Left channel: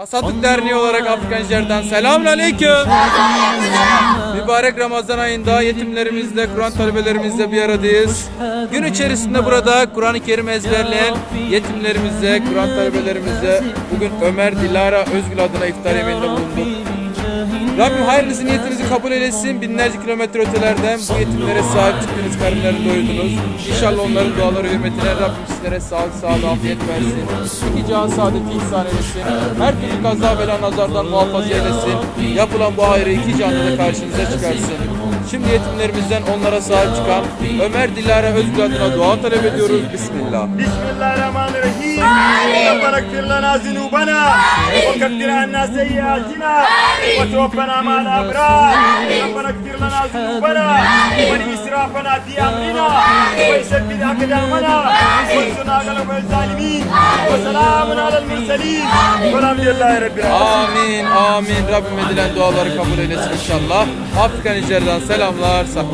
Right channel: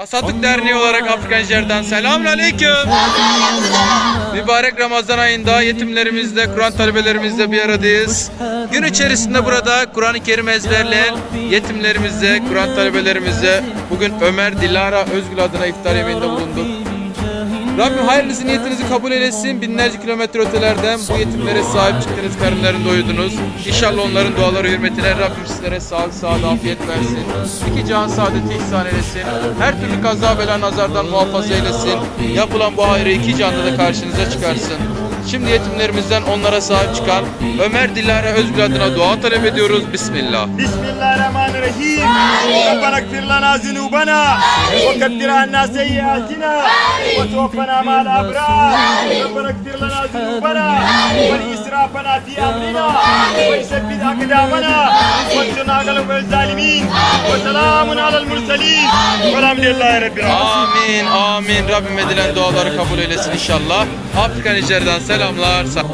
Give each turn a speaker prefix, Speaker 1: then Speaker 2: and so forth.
Speaker 1: Tasadduk Derneği olarak Afrika Nijer'den selamünaleyküm. Mübarek Ramazan ayında yetimlerimizle, Kur'an talebelerimizle bir aradayız. Gün içerisinde burada Kur'an-ı Kerim ezberleyen yetimlerimizle, Kur'an talebelerimizle bugün Ömer Dilara Özgül adına iftar yemeğinde bulunduk. Rabbim hayırlısı niyetinizi kabul eylesin. Binlerce kilometre ötelerden bu yetimlere sahip çıktınız, karınlarını doyurdunuz. İnşallah onların duaları hürmetine Rabbim sizlere sağlık, sağlık, afiyet versin. İki can saadeti ihsan eylesin. Her türlü kaza bela nazardan muhafaza eylesin. Yapılan bu hayrı iki canda da karşınıza çıkarsın. Şimdi yetimlerimizden onlara sahip çıkan Ömer Dilara Özgül adına dua talep ediyoruz. Bismillah.
Speaker 2: Bismillahirrahmanirrahim. ربنا اغفر لنا ذنوبنا وكفر عنا سيئاتنا وتوفنا مع الابرار ربنا اغفر لنا ذنوبنا والاسرافنا في امرنا وثبت اقدامنا وانصرنا على القوم الظالمين وسلام على المرسلين والحمد لله رب العالمين
Speaker 1: Amin, amin. Rabbim edilen duaları kabul eylesin inşallah. Afrika Nijer'den selamlar. Sa-